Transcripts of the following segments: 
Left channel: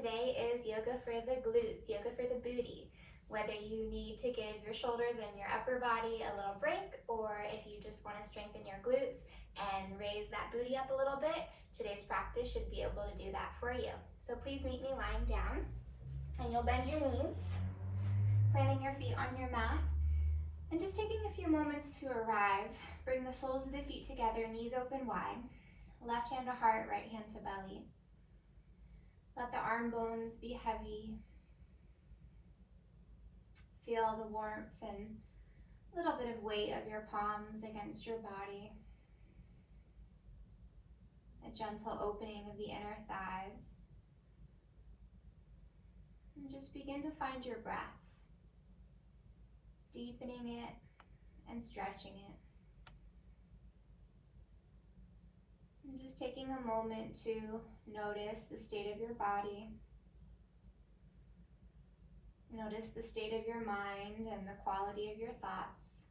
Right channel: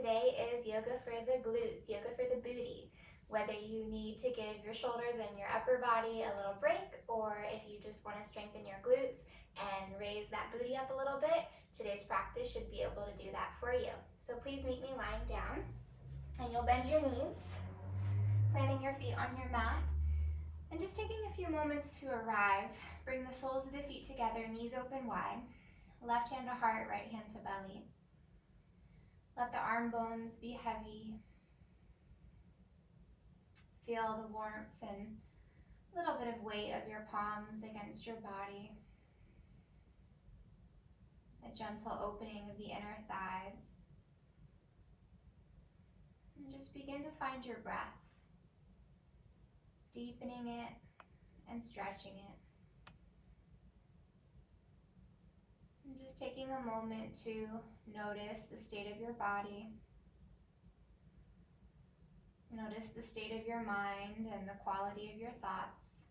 Today is yoga for the glutes, yoga for the booty. Whether you need to give your shoulders and your upper body a little break, or if you just want to strengthen your glutes and raise that booty up a little bit, today's practice should be able to do that for you. So please meet me lying down, and you'll bend your knees, planting your feet on your mat, and just taking a few moments to arrive. Bring the soles of the feet together, knees open wide, left hand to heart, right hand to belly. Let the arm bones be heavy. Feel the warmth and a little bit of weight of your palms against your body. A gentle opening of the inner thighs. And just begin to find your breath, deepening it and stretching it. And just taking a moment to notice the state of your body. Notice the state of your mind and the quality of your thoughts.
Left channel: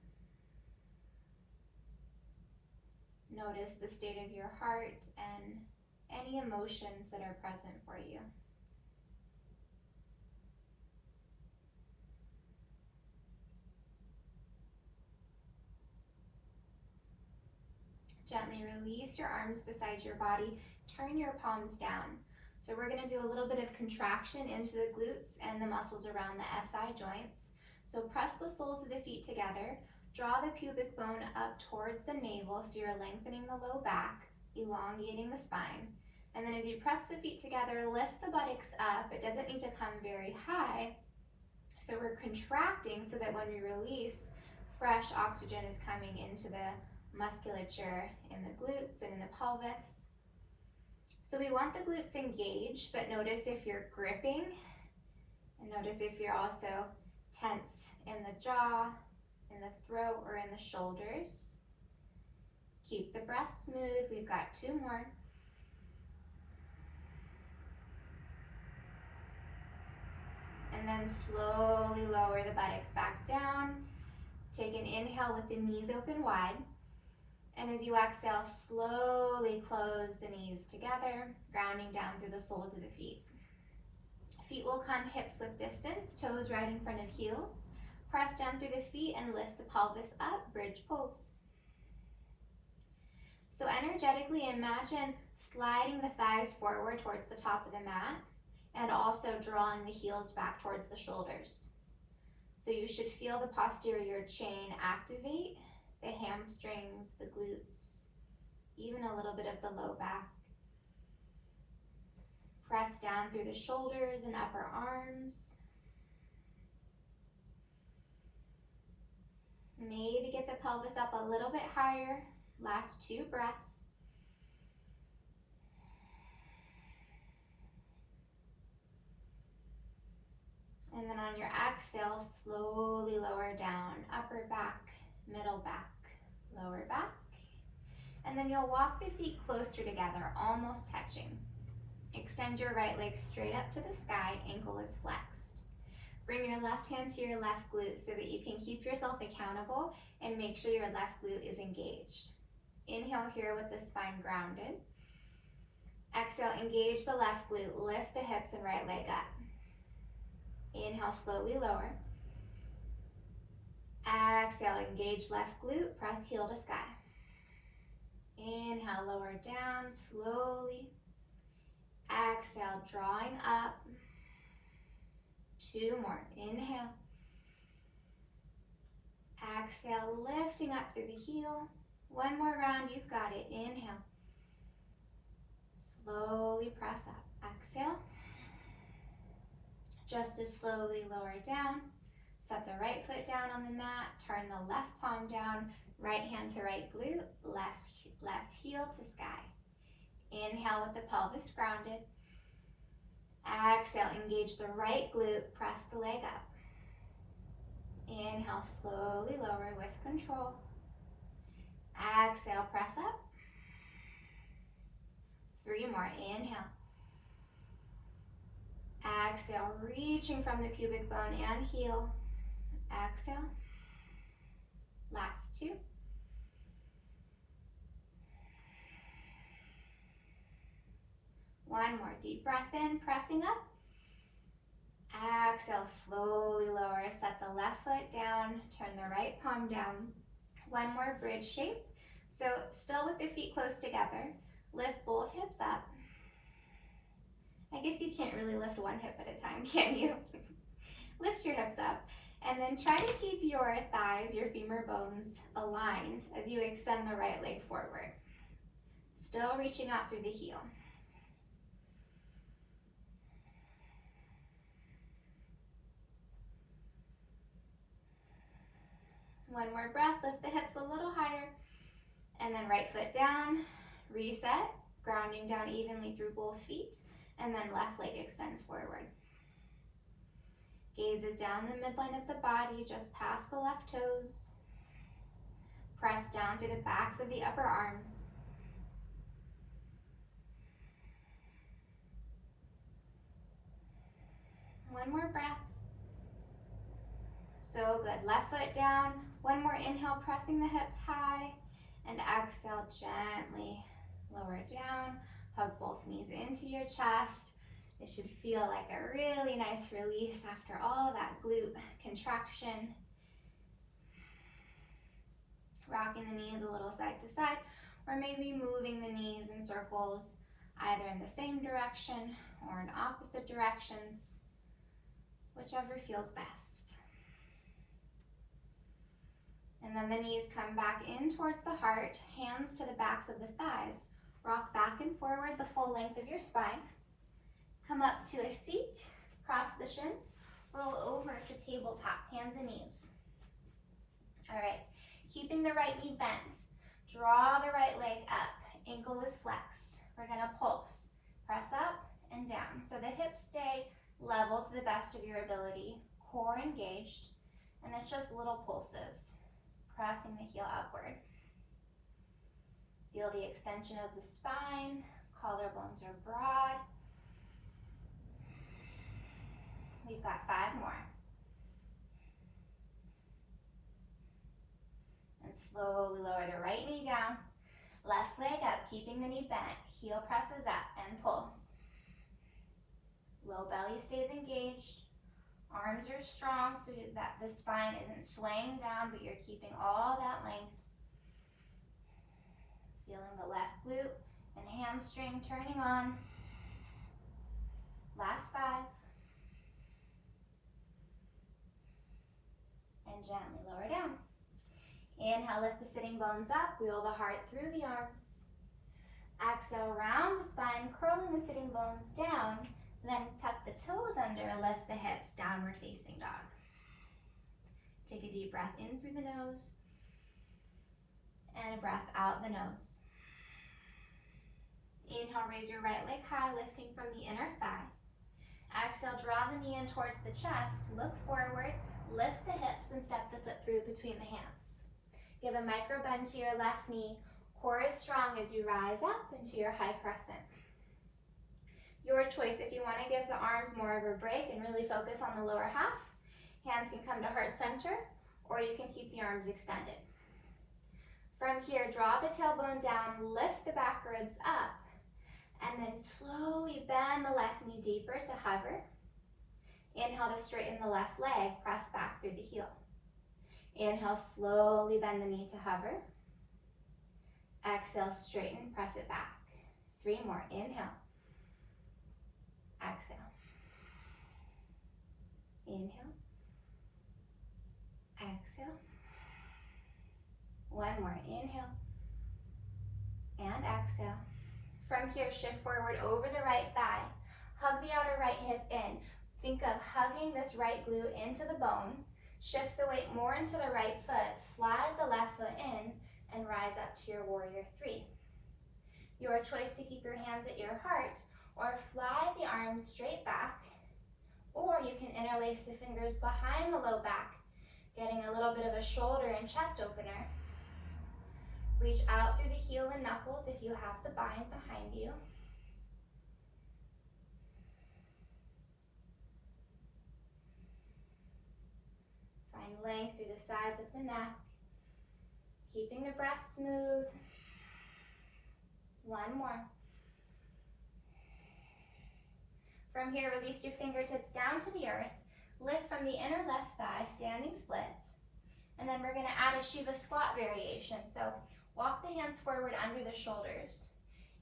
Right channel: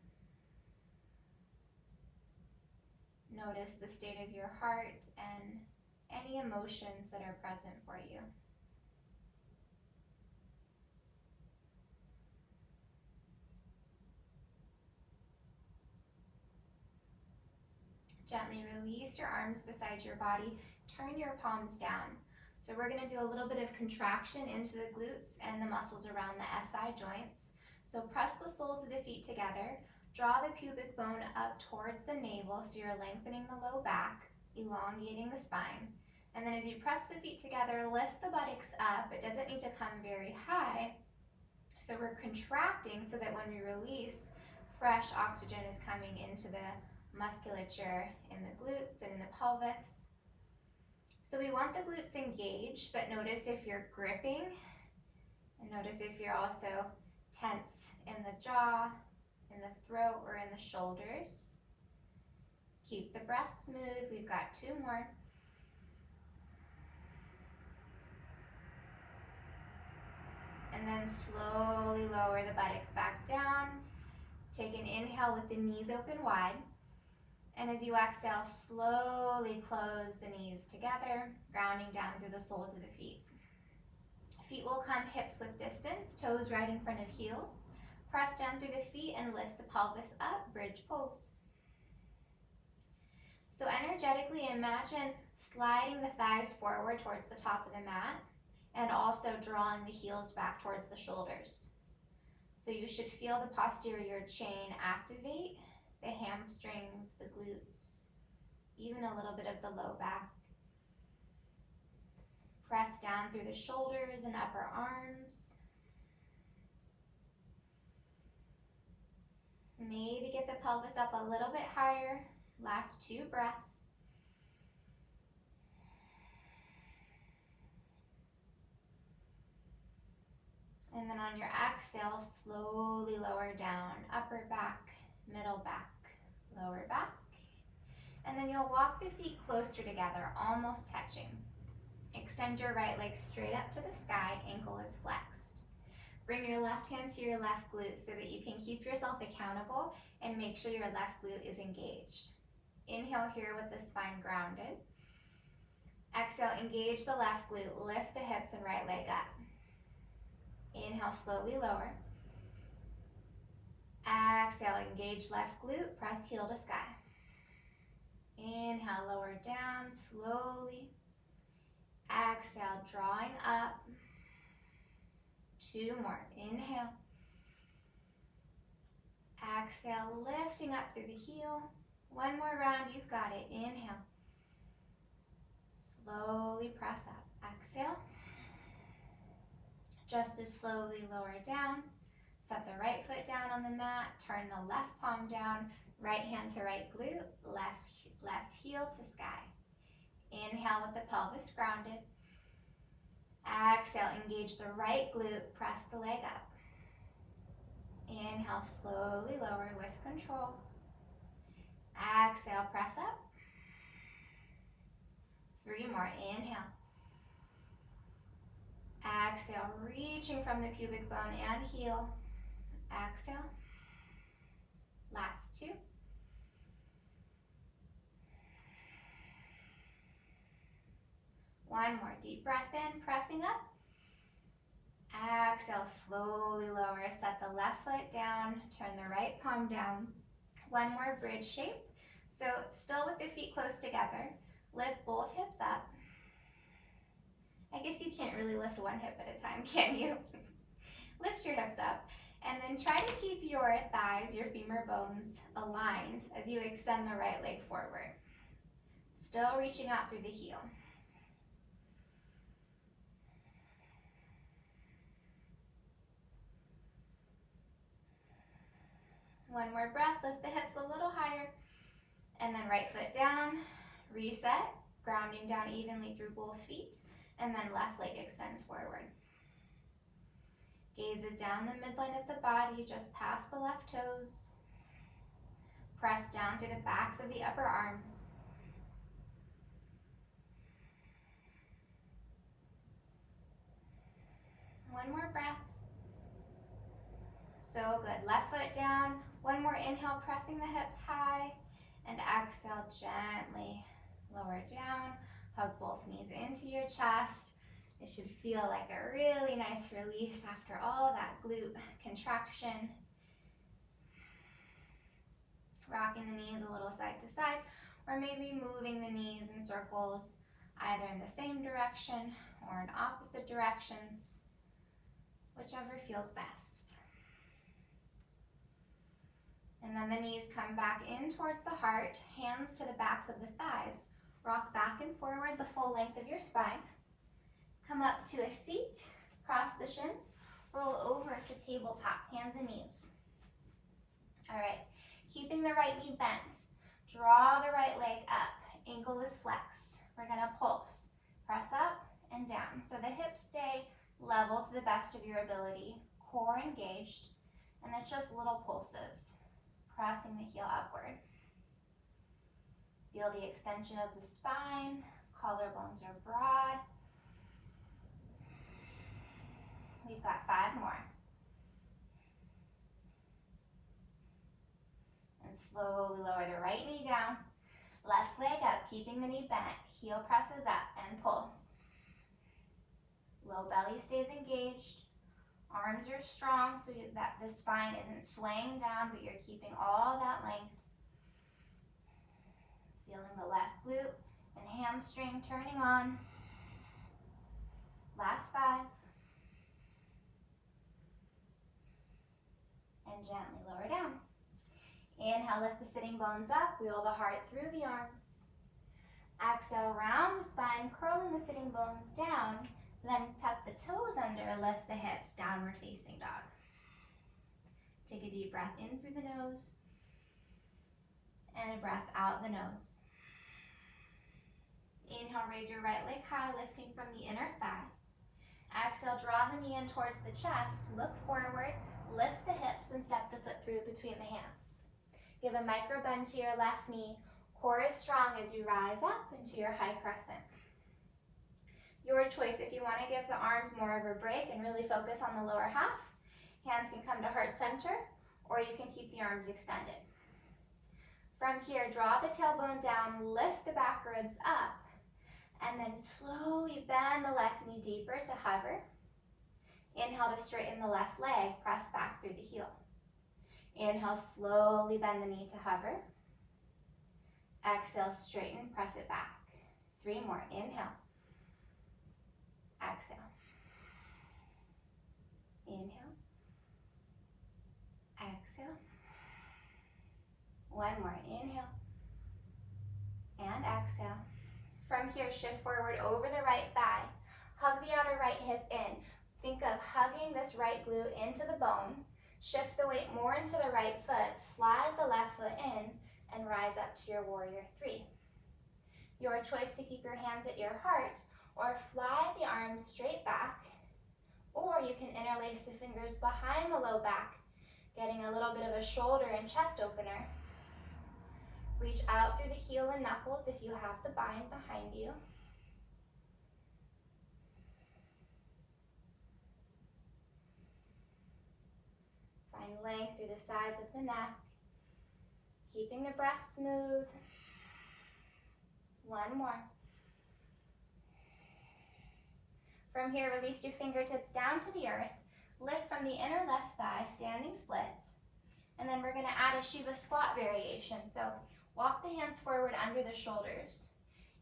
Notice the state of your heart and any emotions that are present for you. Gently release your arms beside your body. Turn your palms down. So we're going to do a little bit of contraction into the glutes and the muscles around the SI joints. So press the soles of the feet together. Draw the pubic bone up towards the navel so you're lengthening the low back, elongating the spine. And then as you press the feet together, lift the buttocks up. It doesn't need to come very high. So we're contracting so that when we release, fresh oxygen is coming into the musculature in the glutes and in the pelvis. So we want the glutes engaged, but notice if you're gripping, and notice if you're also tense in the jaw, in the throat, or in the shoulders. Keep the breath smooth. We've got two more. And then slowly lower the buttocks back down. Take an inhale with the knees open wide. And as you exhale, slowly close the knees together, grounding down through the soles of the feet. Feet will come hips width distance, toes right in front of heels. Press down through the feet and lift the pelvis up, bridge pose. So energetically imagine sliding the thighs forward towards the top of the mat and also drawing the heels back towards the shoulders. So you should feel the posterior chain activate, the hamstrings, the glutes, even a little bit of the low back. Press down through the shoulders and upper arms. Maybe get the pelvis up a little bit higher. Last two breaths. And then on your exhale, slowly lower down, upper back, middle back, lower back. And then you'll walk the feet closer together, almost touching. Extend your right leg straight up to the sky, ankle is flexed. Bring your left hand to your left glute so that you can keep yourself accountable and make sure your left glute is engaged. Inhale here with the spine grounded. Exhale, engage the left glute, lift the hips and right leg up. Inhale, slowly lower. Exhale, engage left glute, press heel to sky. Inhale, lower down slowly. Exhale, drawing up. Two more, inhale. Exhale, lifting up through the heel. One more round, you've got it, inhale. Slowly press up, exhale. Just as slowly lower down. Set the right foot down on the mat, turn the left palm down, right hand to right glute, left heel to sky. Inhale with the pelvis grounded. Exhale, engage the right glute, press the leg up. Inhale, slowly lower with control. Exhale, press up. Three more, inhale. Exhale, reaching from the pubic bone and heel. Exhale. Last two. One more deep breath in, pressing up. Exhale, slowly lower. Set the left foot down, turn the right palm down. One more bridge shape. So still with the feet close together, lift both hips up. I guess you can't really lift one hip at a time, can you? Lift your hips up, and then try to keep your thighs, your femur bones aligned as you extend the right leg forward. Still reaching out through the heel. One more breath, lift the hips a little higher, and then right foot down, reset, grounding down evenly through both feet, and then left leg extends forward. Gaze is down the midline of the body, just past the left toes. Press down through the backs of the upper arms. One more breath. So good. Left foot down. One more inhale, pressing the hips high. And exhale, gently lower it down. Hug both knees into your chest. It should feel like a really nice release after all that glute contraction. Rocking the knees a little side to side, or maybe moving the knees in circles, either in the same direction or in opposite directions, whichever feels best. And then the knees come back in towards the heart, hands to the backs of the thighs. Rock back and forward the full length of your spine. Come up to a seat, cross the shins, roll over to tabletop, hands and knees. All right, keeping the right knee bent, draw the right leg up, ankle is flexed. We're gonna pulse, press up and down. So the hips stay level to the best of your ability, core engaged, and it's just little pulses, pressing the heel upward. Feel the extension of the spine, collarbones are broad. We've got 5 more. And slowly lower the right knee down, left leg up, keeping the knee bent, heel presses up and pulse. Low belly stays engaged, arms are strong so that the spine isn't swaying down, but you're keeping all that length. Feeling the left glute and hamstring turning on. Last 5. And gently lower down. Inhale, lift the sitting bones up, wheel the heart through the arms. Exhale, round the spine, curling the sitting bones down, then tuck the toes under, lift the hips, downward facing dog. Take a deep breath in through the nose, and a breath out the nose. Inhale, raise your right leg high, lifting from the inner thigh. Exhale, draw the knee in towards the chest, look forward, lift the hips and step the foot through between the hands. Give a micro bend to your left knee, core is strong as you rise up into your high crescent. Your choice if you want to give the arms more of a break and really focus on the lower half. Hands can come to heart center, or you can keep the arms extended. From here, draw the tailbone down, lift the back ribs up, and then slowly bend the left knee deeper to hover. Inhale to straighten the left leg, press back through the heel. Inhale, slowly bend the knee to hover. Exhale, straighten, press it back. 3 more, inhale. Exhale. Inhale. Exhale. 1 more, inhale. And exhale. From here, shift forward over the right thigh. Hug the outer right hip in. Think of hugging this right glute into the bone. Shift the weight more into the right foot. Slide the left foot in and rise up to your warrior 3. Your choice to keep your hands at your heart or fly the arms straight back, or you can interlace the fingers behind the low back, getting a little bit of a shoulder and chest opener. Reach out through the heel and knuckles if you have the bind behind you. Find length through the sides of the neck, keeping the breath smooth. 1 more. From here, release your fingertips down to the earth. Lift from the inner left thigh, standing splits. And then we're gonna add a Shiva squat variation. So walk the hands forward under the shoulders.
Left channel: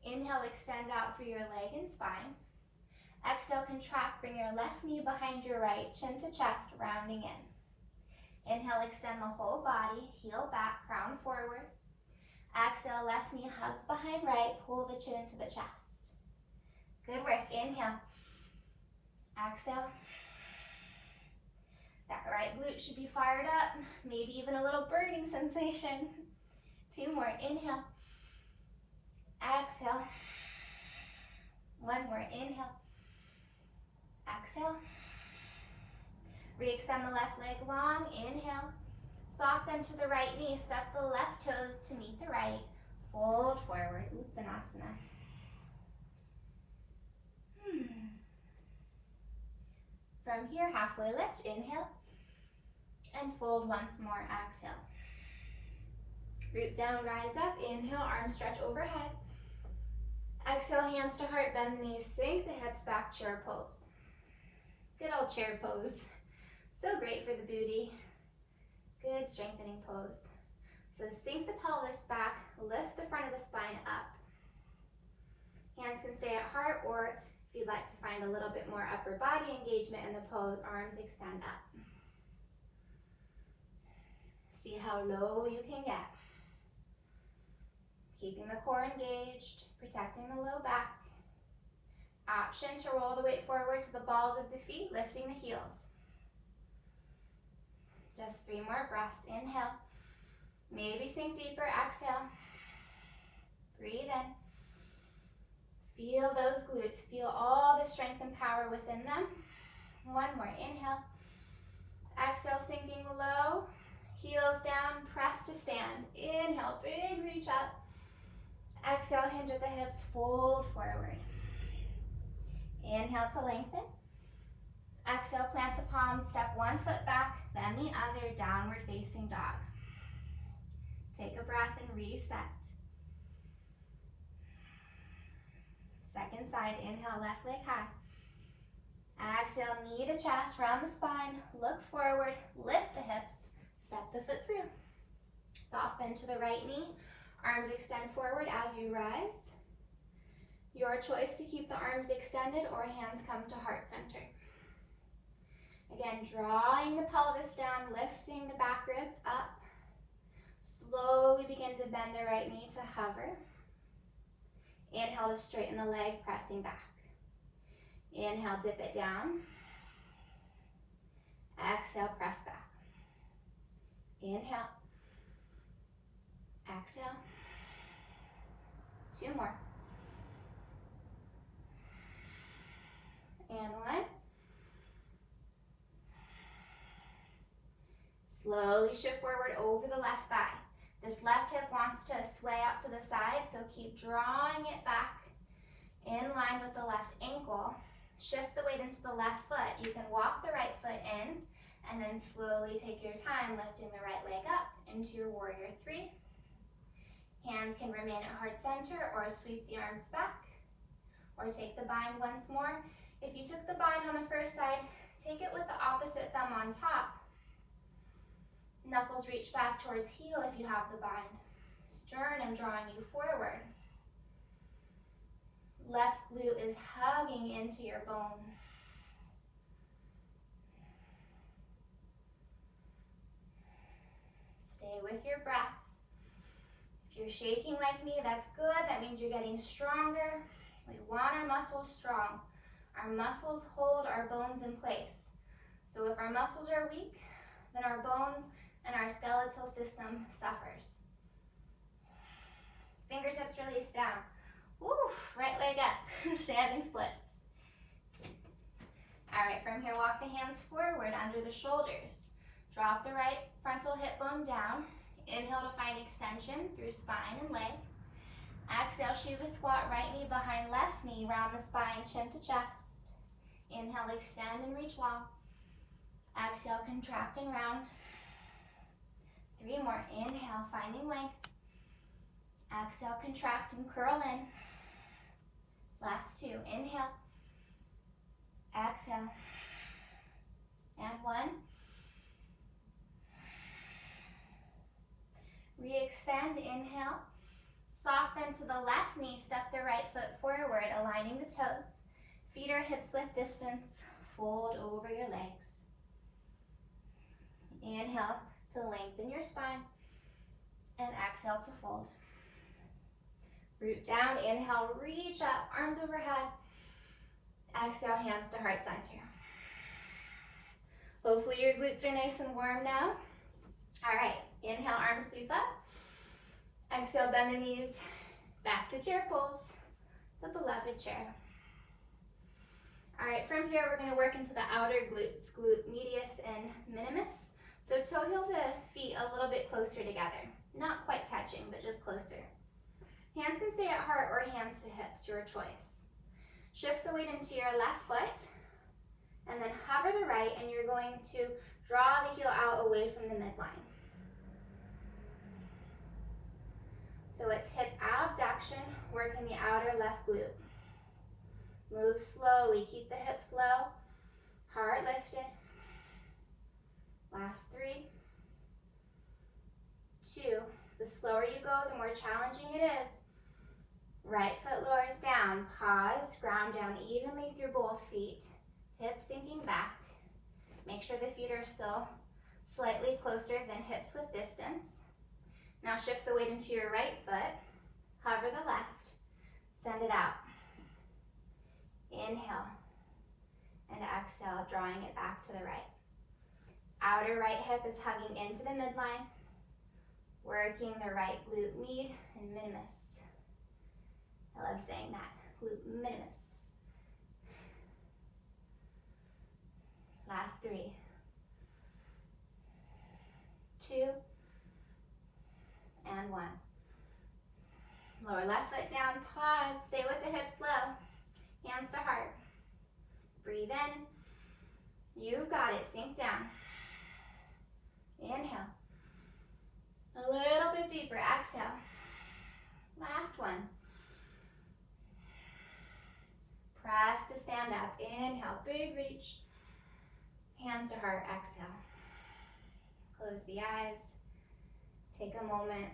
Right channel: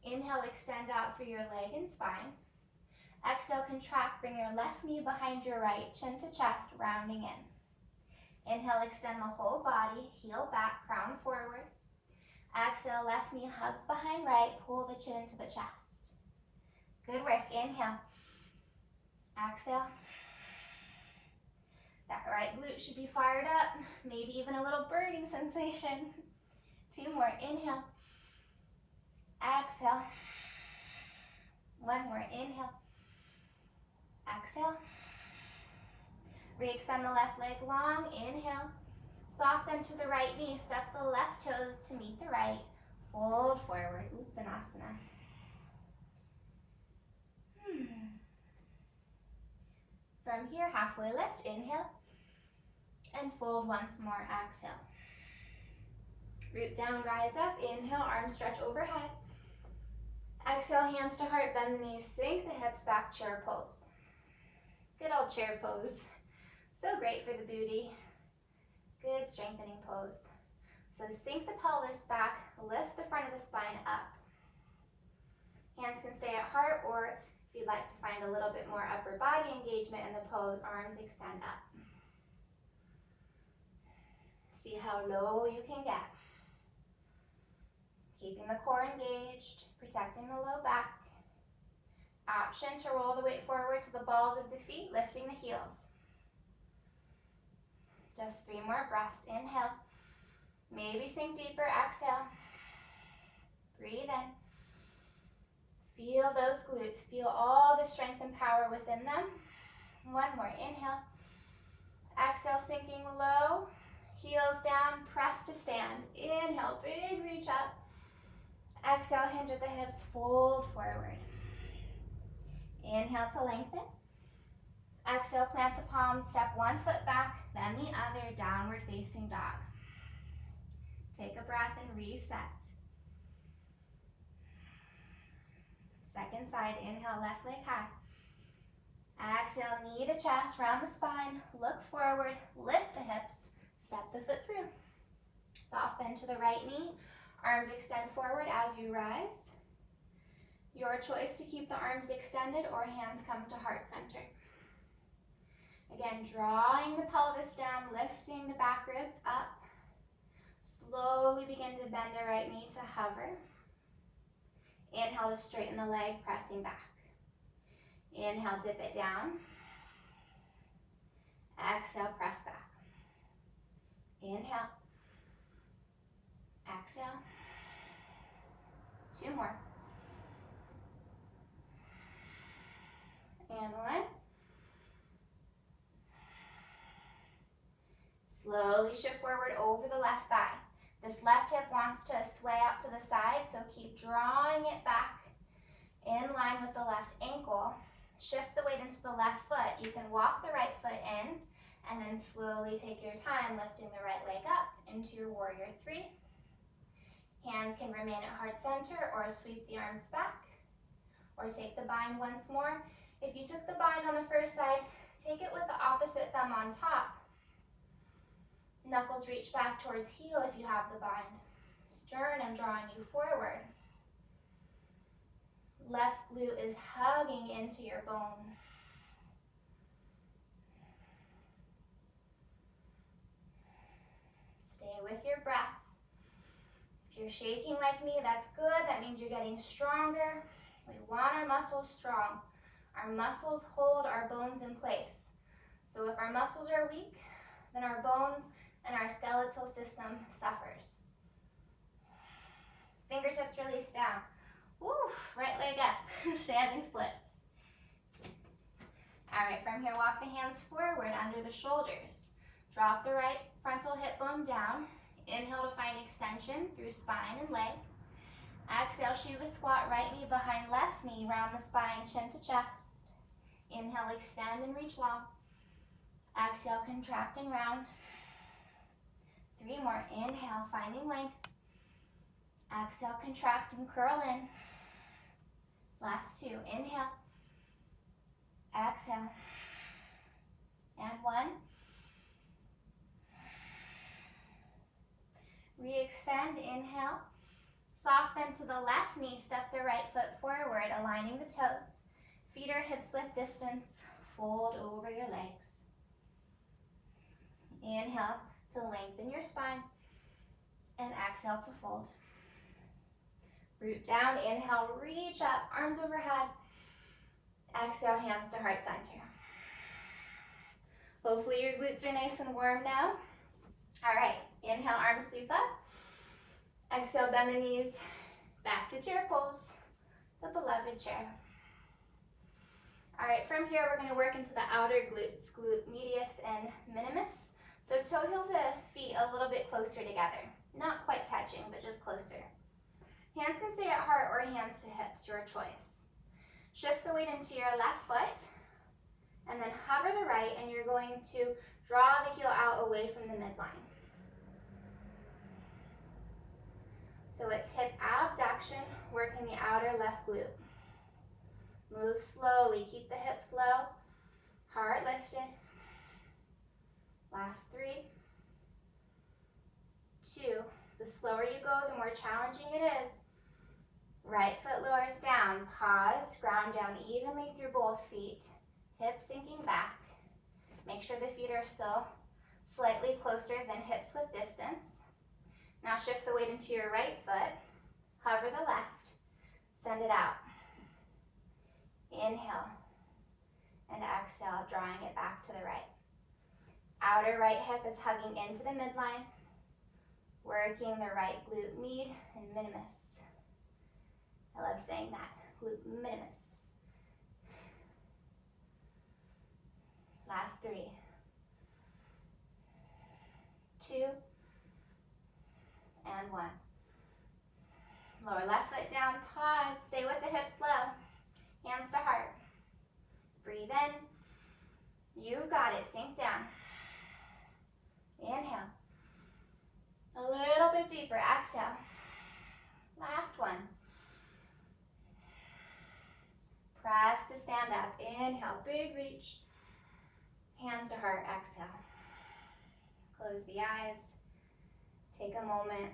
Inhale, extend out through your leg and spine. Exhale, contract, bring your left knee behind your right, chin to chest, rounding in. Inhale, extend the whole body, heel back, crown forward. Exhale, left knee hugs behind right, pull the chin into the chest. Good work, inhale. Exhale. That right glute should be fired up, maybe even a little burning sensation. 2 more, inhale. Exhale. 1 more, inhale. Exhale. Re-extend the left leg long, inhale. Soft bend to the right knee, step the left toes to meet the right. Fold forward, Uttanasana. From here, halfway lift, inhale. And fold once more, exhale. Root down, rise up, inhale, arms stretch overhead. Exhale, hands to heart, bend the knees, sink the hips back, chair pose. Good old chair pose. So great for the booty. Good strengthening pose. So sink the pelvis back, lift the front of the spine up. Hands can stay at heart, or if you'd like to find a little bit more upper body engagement in the pose, arms extend up. See how low you can get. Keeping the core engaged, protecting the low back. Option to roll the weight forward to the balls of the feet, lifting the heels. Just 3 more breaths. Inhale. Maybe sink deeper. Exhale. Breathe in. Feel those glutes. Feel all the strength and power within them. 1 more. Inhale. Exhale, sinking low. Heels down. Press to stand. Inhale. Big reach up. Exhale, hinge at the hips. Fold forward. Inhale to lengthen. Exhale, plant the palms, step 1 foot back, then the other, downward facing dog. Take a breath and reset. Second side, inhale, left leg high. Exhale, knee to chest, round the spine, look forward, lift the hips, step the foot through. Soft bend to the right knee, arms extend forward as you rise. Your choice to keep the arms extended or hands come to heart center. Again, drawing the pelvis down, lifting the back ribs up. Slowly begin to bend the right knee to hover. Inhale to straighten the leg, pressing back. Inhale, dip it down. Exhale, press back. Inhale. Exhale. 2 more. And 1. Slowly shift forward over the left thigh. This left hip wants to sway out to the side, so keep drawing it back in line with the left ankle. Shift the weight into the left foot. You can walk the right foot in, and then slowly take your time lifting the right leg up into your warrior 3. Hands can remain at heart center or sweep the arms back, or take the bind once more. If you took the bind on the first side, take it with the opposite thumb on top. Knuckles reach back towards heel if you have the bind. Sternum drawing you forward. Left glute is hugging into your bone. Stay with your breath. If you're shaking like me, that's good. That means you're getting stronger. We want our muscles strong. Our muscles hold our bones in place. So if our muscles are weak, then our bones and our skeletal system suffers. Fingertips release down. Woo, right leg up, standing splits. All right, from here, walk the hands forward under the shoulders. Drop the right frontal hip bone down. Inhale to find extension through spine and leg. Exhale, Shiva squat, right knee behind left knee, round the spine, chin to chest. Inhale, extend and reach long. Exhale, contract and round. 3 more. Inhale, finding length. Exhale, contract and curl in. Last 2. Inhale. Exhale. And 1. Re-extend, inhale. Soft bend to the left knee, step the right foot forward, aligning the toes. Feet or hips width distance, fold over your legs. Inhale to lengthen your spine, and exhale to fold. Root down, inhale, reach up, arms overhead. Exhale, hands to heart center. Hopefully your glutes are nice and warm now. All right, inhale, arms sweep up. Exhale, bend the knees, back to chair pose, the beloved chair. All right, from here we're going to work into the outer glutes, glute medius and minimus. So toe heel the feet a little bit closer together. Not quite touching, but just closer. Hands can stay at heart or hands to hips, your choice. Shift the weight into your left foot, and then hover the right, and you're going to draw the heel out away from the midline. So it's hip abduction, working the outer left glute. Move slowly, keep the hips low, heart lifted. Last 3, 2. The slower you go, the more challenging it is. Right foot lowers down, pause, ground down evenly through both feet. Hips sinking back. Make sure the feet are still slightly closer than hips width distance. Now shift the weight into your right foot, hover the left, send it out. Inhale, and exhale, drawing it back to the right. Outer right hip is hugging into the midline, working the right glute med and minimus. I love saying that, glute minimus. Last 3, 2, and 1. Lower left foot down, pause, stay with the hips low, hands to heart. Breathe in, you got it, sink down. Inhale, a little bit deeper, exhale. Last one. Press to stand up, inhale, big reach. Hands to heart, exhale. Close the eyes. Take a moment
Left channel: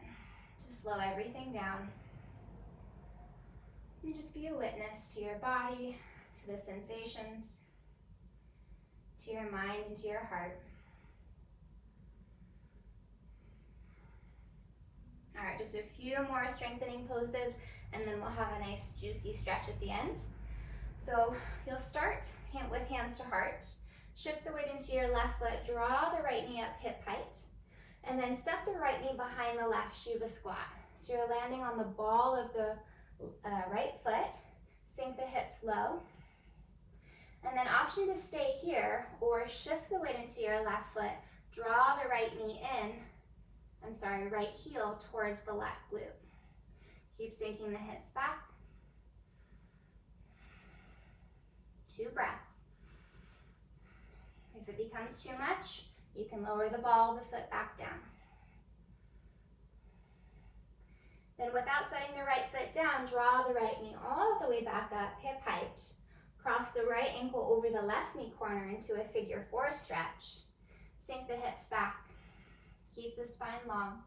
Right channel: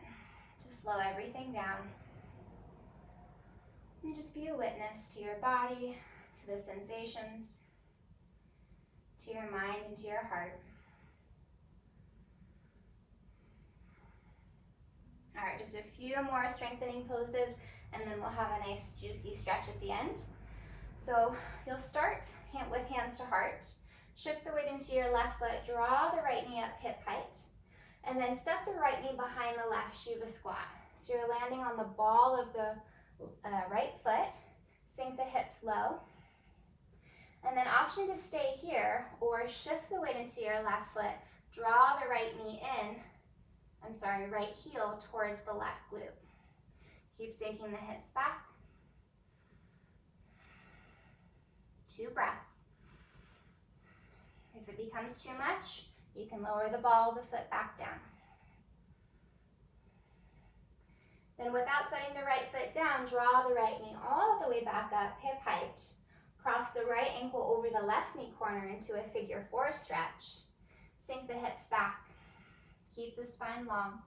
to slow everything down. And just be a witness to your body, to the sensations, to your mind and to your heart. All right, just a few more strengthening poses, and then we'll have a nice juicy stretch at the end. So you'll start with hands to heart. Shift the weight into your left foot, draw the right knee up hip height, and then step the right knee behind the left, Shiva squat. So you're landing on the ball of the right foot, sink the hips low, and then option to stay here or shift the weight into your left foot, draw the right knee in, right heel towards the left glute. Keep sinking the hips back. 2 breaths. If it becomes too much, you can lower the ball of the foot back down. Then without setting the right foot down, draw the right knee all the way back up, hip height. Cross the right ankle over the left knee corner into a figure 4 stretch. Sink the hips back. Keep the spine long.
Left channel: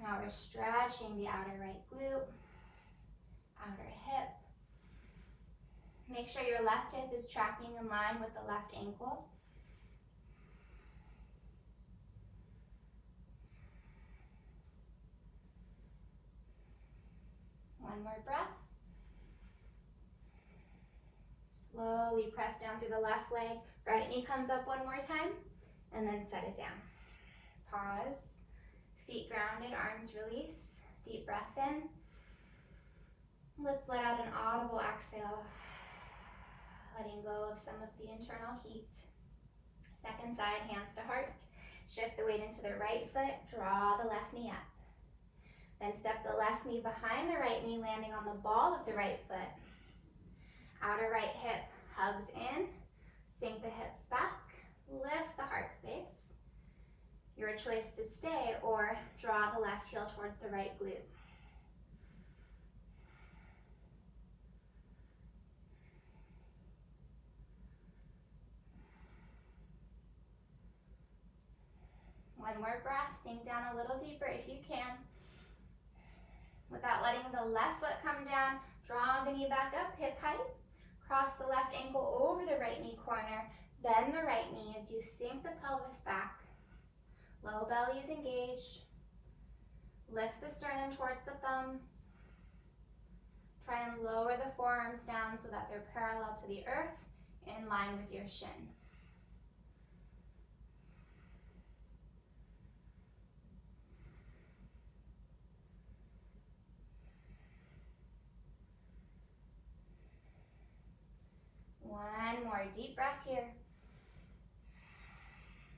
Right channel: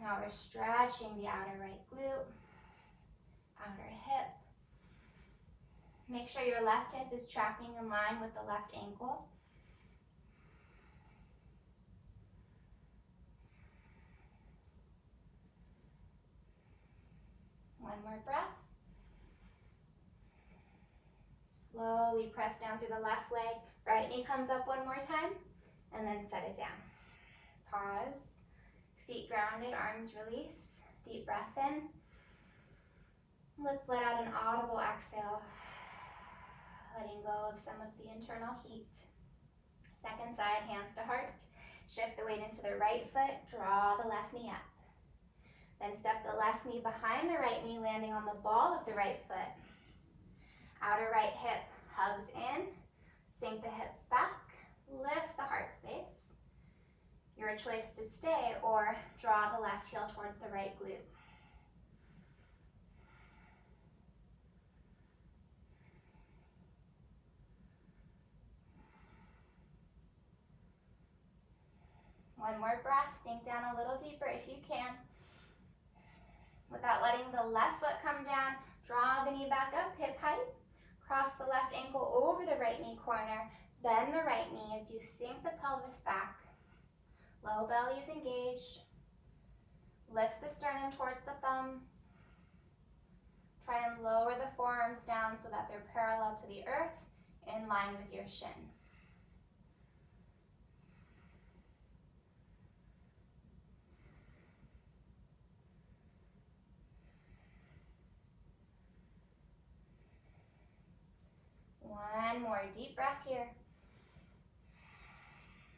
Now we're stretching the outer right glute, outer hip. Make sure your left hip is tracking in line with the left ankle. One more breath. Slowly press down through the left leg. Right knee comes up one more time, and then set it down. Pause. Feet grounded, arms release. Deep breath in. Let's let out an audible exhale, letting go of some of the internal heat. Second side, hands to heart. Shift the weight into the right foot, draw the left knee up. Then step the left knee behind the right knee, landing on the ball of the right foot. Outer right hip hugs in, sink the hips back, lift the heart space. Your choice to stay or draw the left heel towards the right glute. One more breath, sink down a little deeper if you can. Without letting the left foot come down, draw the knee back up, hip height. Cross the left ankle over the right knee corner. Bend the right knee as you sink the pelvis back. Low belly is engaged. Lift the sternum towards the thumbs. Try and lower the forearms down so that they're parallel to the earth, in line with your shin. One more deep breath here.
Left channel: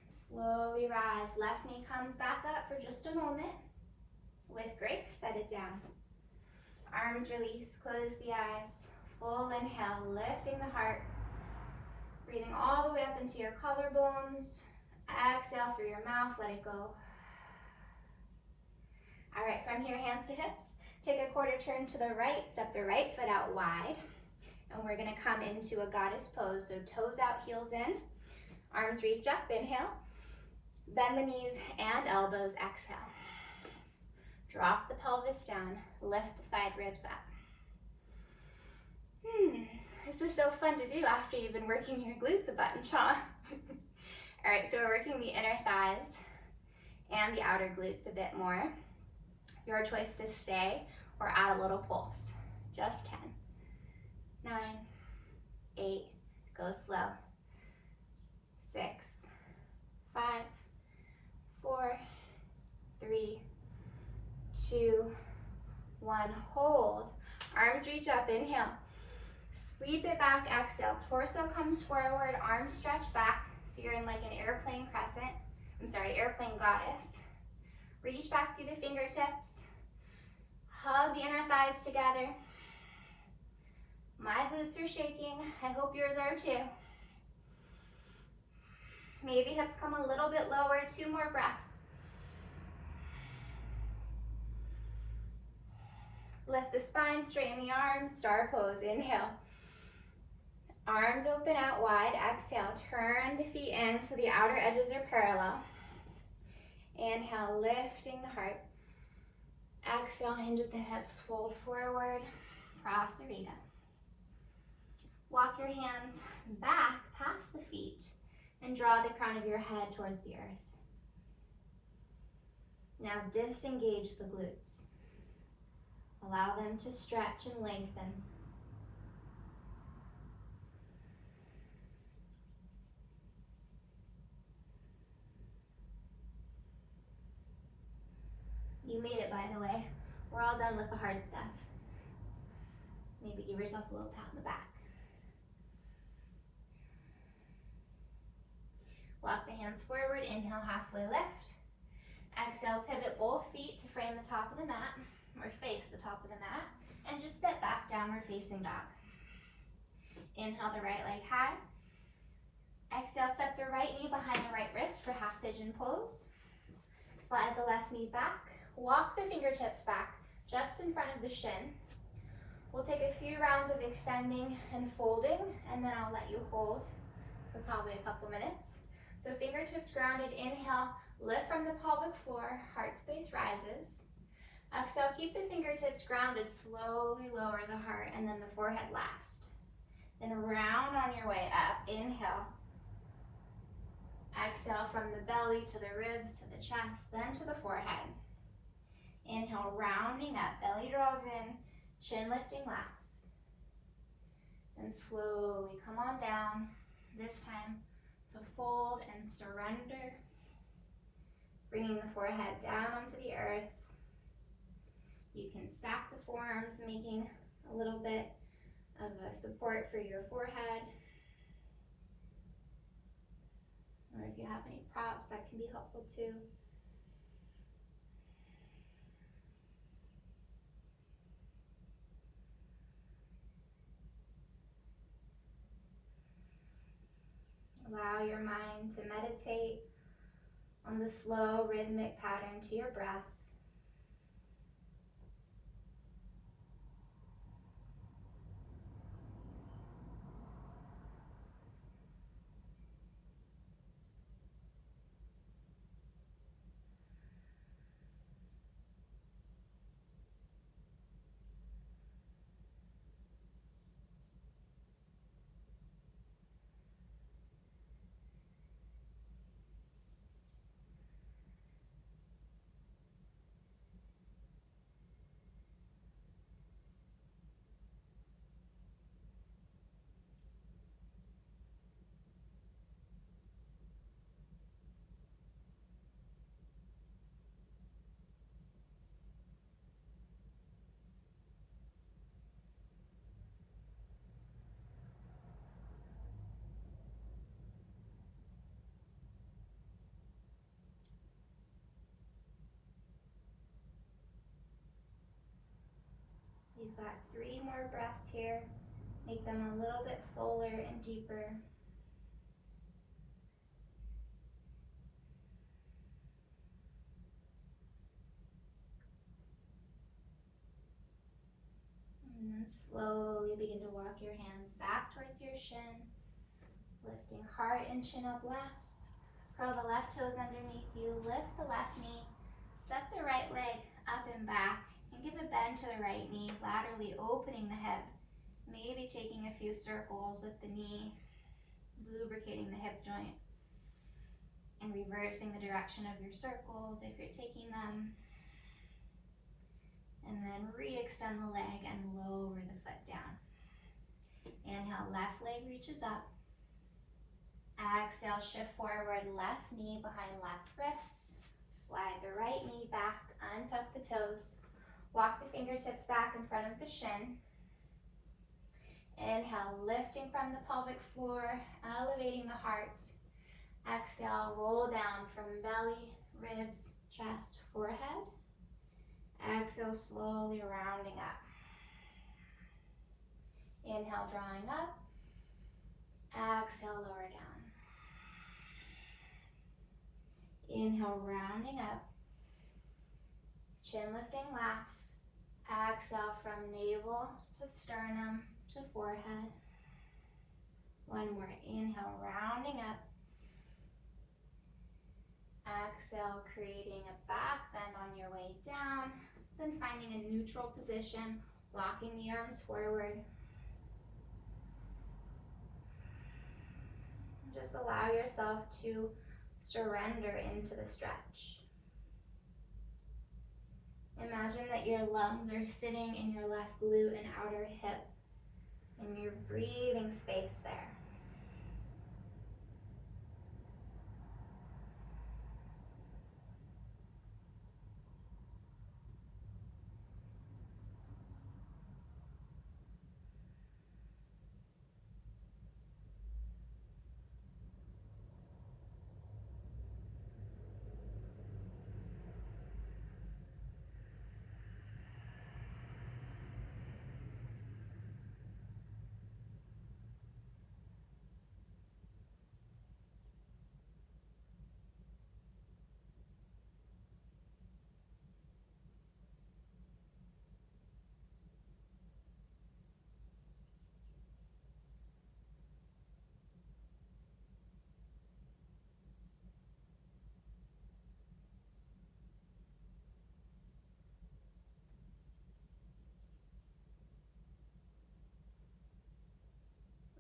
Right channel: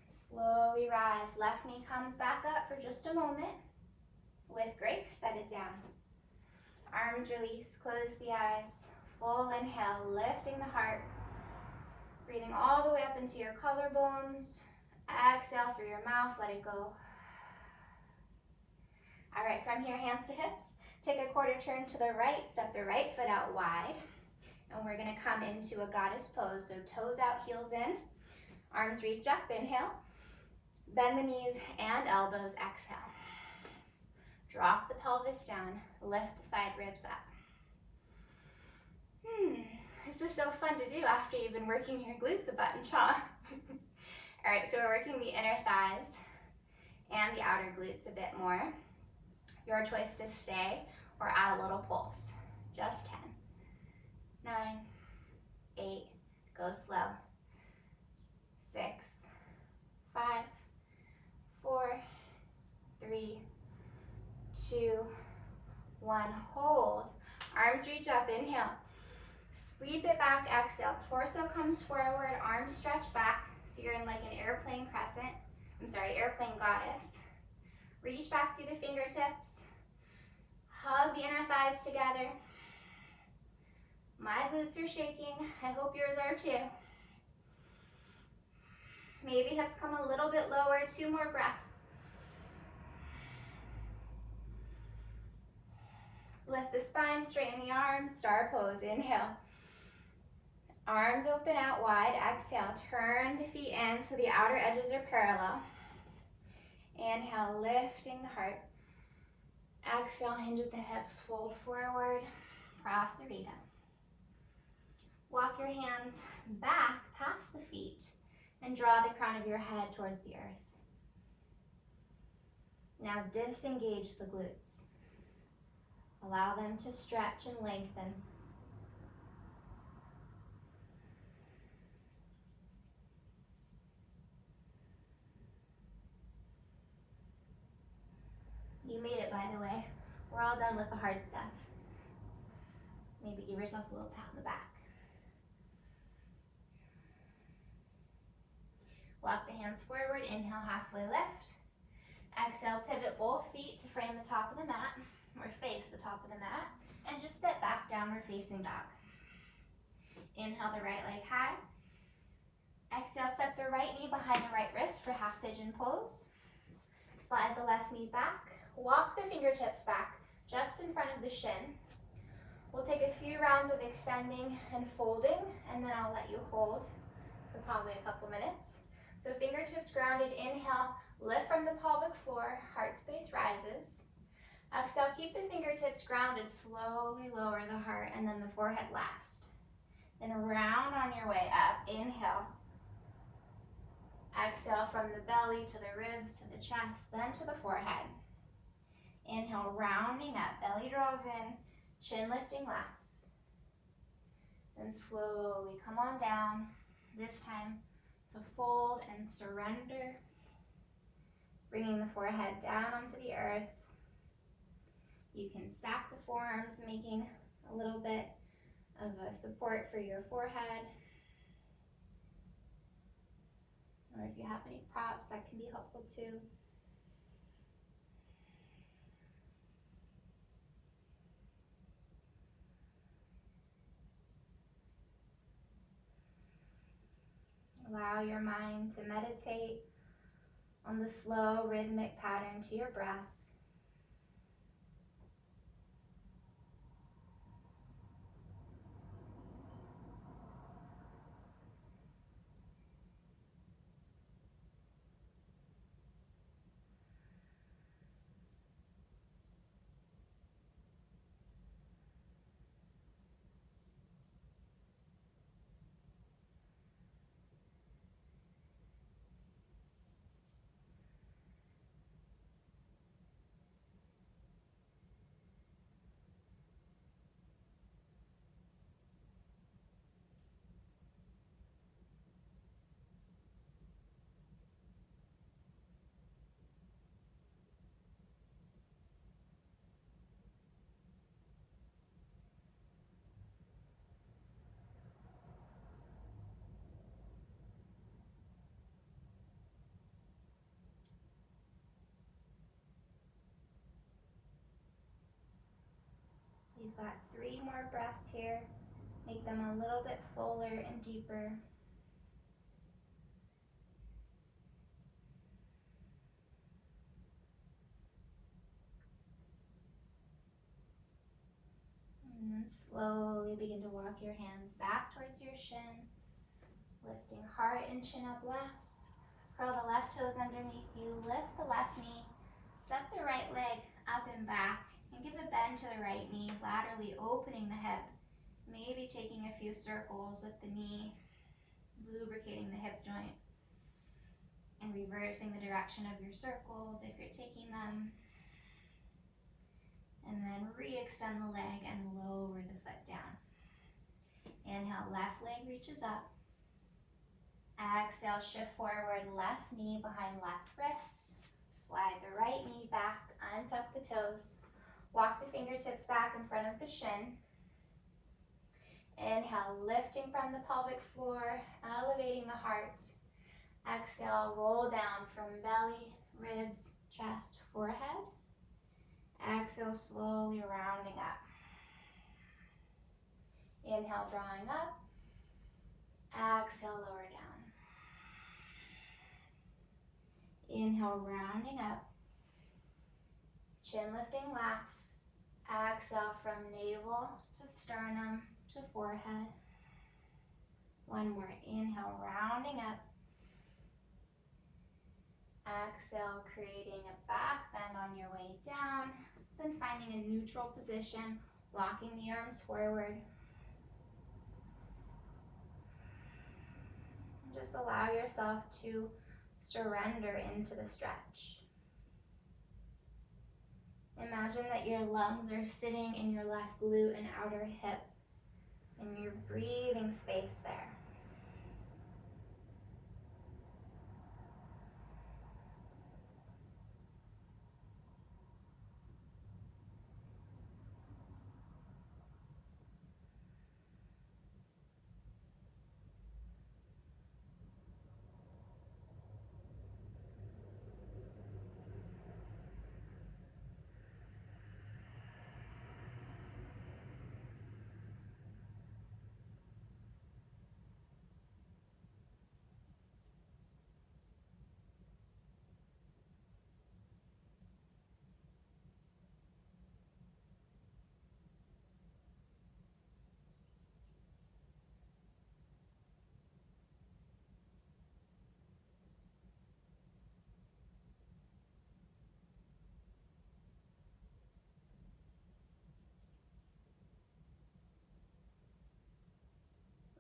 Slowly rise. Left knee comes back up for just a moment. With grace, set it down. Arms release, close the eyes. Full inhale, lifting the heart. Breathing all the way up into your collarbones. Exhale through your mouth, let it go. All right, from here, hands to hips. Take a quarter turn to the right, step the right foot out wide. And we're gonna come into a goddess pose. So toes out, heels in. Arms reach up, inhale. Bend the knees and elbows, exhale. Drop the pelvis down, lift the side ribs up. This is so fun to do after you've been working your glutes a bunch, huh? All right, so we're working the inner thighs and the outer glutes a bit more. Your choice to stay or add a little pulse. Just 10, 9, 8, go slow. 6, 5, 4, 3, 2, 1, hold. Arms reach up, inhale. Sweep it back, exhale. Torso comes forward, arms stretch back. So you're in like an airplane crescent. Airplane goddess. Reach back through the fingertips. Hug the inner thighs together. My glutes are shaking. I hope yours are too. Maybe hips come a little bit lower. 2 more breaths. Lift the spine, straighten the arms, star pose, inhale. Arms open out wide, exhale. Turn the feet in so the outer edges are parallel. Inhale, lifting the heart. Exhale, hinge at the hips, fold forward, Prasarita. Walk your hands back past the feet and draw the crown of your head towards the earth. Now disengage the glutes. Allow them to stretch and lengthen. You made it, by the way. We're all done with the hard stuff. Maybe give yourself a little pat on the back. Walk the hands forward, inhale, halfway lift. Exhale, pivot both feet to frame the top of the mat, or face the top of the mat, and just step back, downward facing dog. Inhale the right leg high. Exhale, step the right knee behind the right wrist for half pigeon pose. Slide the left knee back. Walk the fingertips back just in front of the shin. We'll take a few rounds of extending and folding, and then I'll let you hold for probably a couple minutes. So fingertips grounded, inhale, lift from the pelvic floor, heart space rises. Exhale, keep the fingertips grounded, slowly lower the heart and then the forehead last. Then round on your way up, inhale. Exhale from the belly to the ribs to the chest, then to the forehead. Inhale, rounding up, belly draws in, chin lifting last. Then slowly come on down, this time to fold and surrender. Bringing the forehead down onto the earth. You can stack the forearms, making a little bit of a support for your forehead. Or if you have any props, that can be helpful too. Allow your mind to meditate on the slow rhythmic pattern to your breath. You've got 3 more breaths here. Make them a little bit fuller and deeper. And then slowly begin to walk your hands back towards your shin, lifting heart and chin up last. Curl the left toes underneath you, lift the left knee, step the right leg up and back, and give a bend to the right knee, laterally opening the hip, maybe taking a few circles with the knee, lubricating the hip joint, and reversing the direction of your circles if you're taking them. And then re-extend the leg and lower the foot down. Inhale, left leg reaches up. Exhale, shift forward, left knee behind left wrist. Slide the right knee back, untuck the toes. Walk the fingertips back in front of the shin. Inhale, lifting from the pelvic floor, elevating the heart. Exhale, roll down from belly, ribs, chest, forehead. Exhale, slowly rounding up. Inhale, drawing up. Exhale, lower down. Inhale, rounding up. Chin lifting last. Exhale from navel to sternum to forehead. One more. Inhale, rounding up. Exhale, creating a back bend on your way down. Then finding a neutral position, walking the arms forward. Just allow yourself to surrender into the stretch. Imagine that your lungs are sitting in your left glute and outer hip, and you're breathing space there.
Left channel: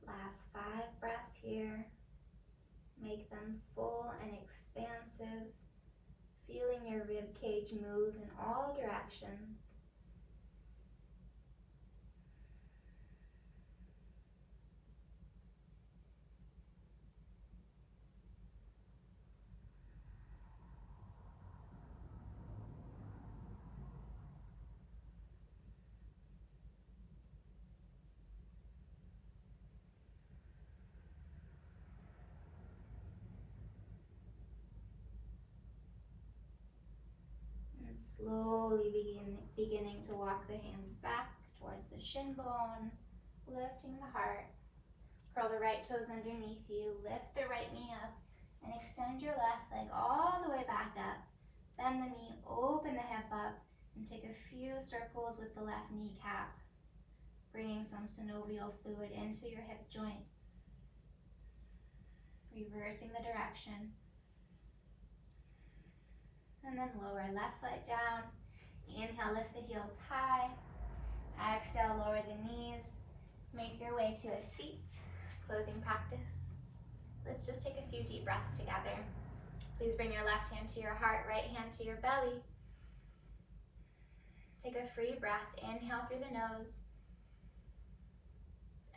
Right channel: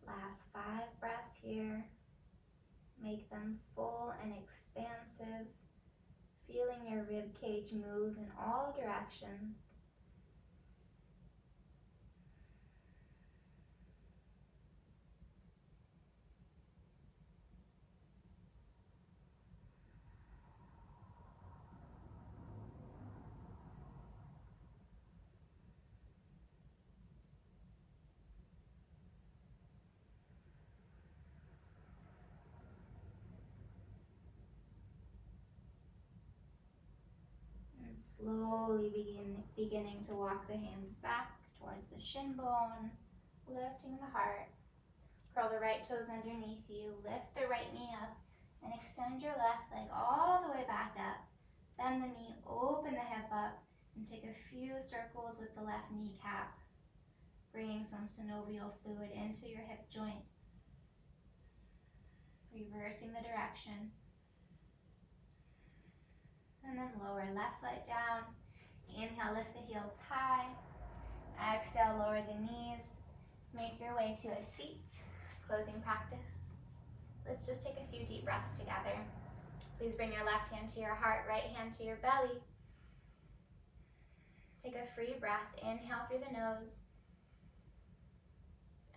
Last 5 breaths here. Make them full and expansive, feeling your rib cage move in all directions. Slowly beginning to walk the hands back towards the shin bone, lifting the heart. Curl the right toes underneath you, lift the right knee up, and extend your left leg all the way back up. Bend the knee, open the hip up, and take a few circles with the left kneecap, bringing some synovial fluid into your hip joint, reversing the direction. And then lower left foot down. Inhale, lift the heels high. Exhale, lower the knees. Make your way to a seat. Closing practice. Let's just take a few deep breaths together. Please bring your left hand to your heart, right hand to your belly. Take a free breath. Inhale through the nose.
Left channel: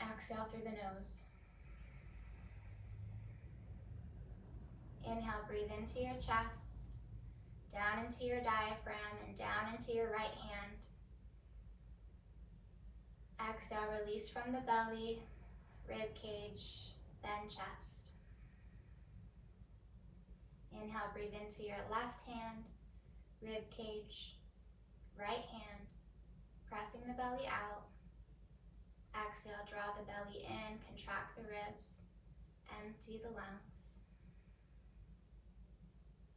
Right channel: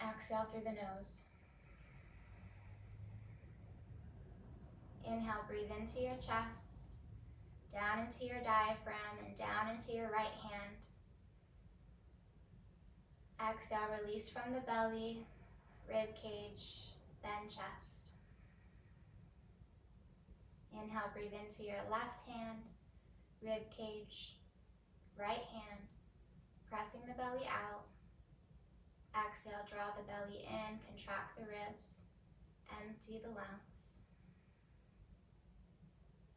Exhale through the nose. Inhale, breathe into your chest. Down into your diaphragm and down into your right hand. Exhale, release from the belly, rib cage, then chest. Inhale, breathe into your left hand, rib cage, right hand. Pressing the belly out. Exhale, draw the belly in, contract the ribs, empty the lungs.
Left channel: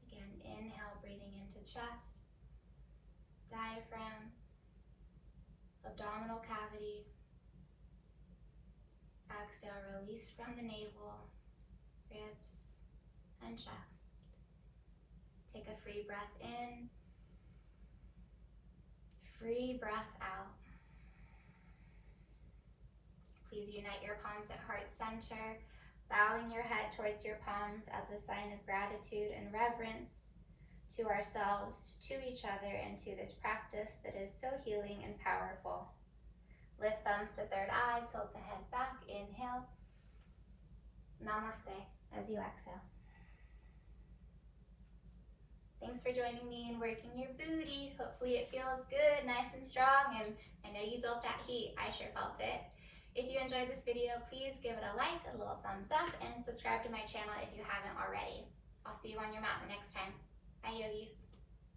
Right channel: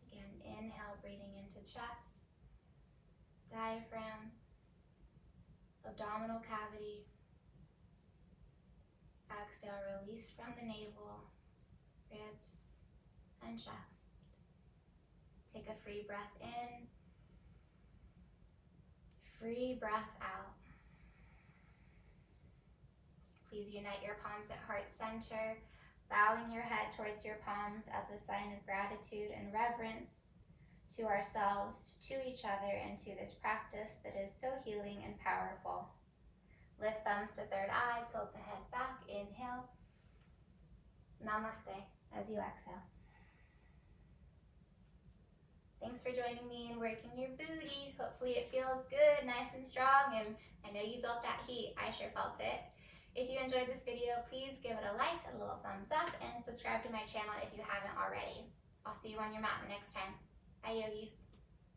Again, inhale, breathing into chest, diaphragm, abdominal cavity. Exhale, release from the navel, ribs, and chest. Take a free breath in, free breath out. Please unite your palms at heart center, bowing your head towards your palms as a sign of gratitude and reverence to ourselves, to each other, and to this practice that is so healing and powerful. Lift thumbs to third eye, tilt the head back, inhale. Namaste as you exhale. Thanks for joining me in working your booty. Hopefully it feels good, nice and strong, and I know you built that heat. I sure felt it. If you enjoyed this video, please give it a like, a little thumbs up, and subscribe to my channel if you haven't already. I'll see you on your mat the next time. Bye, yogis.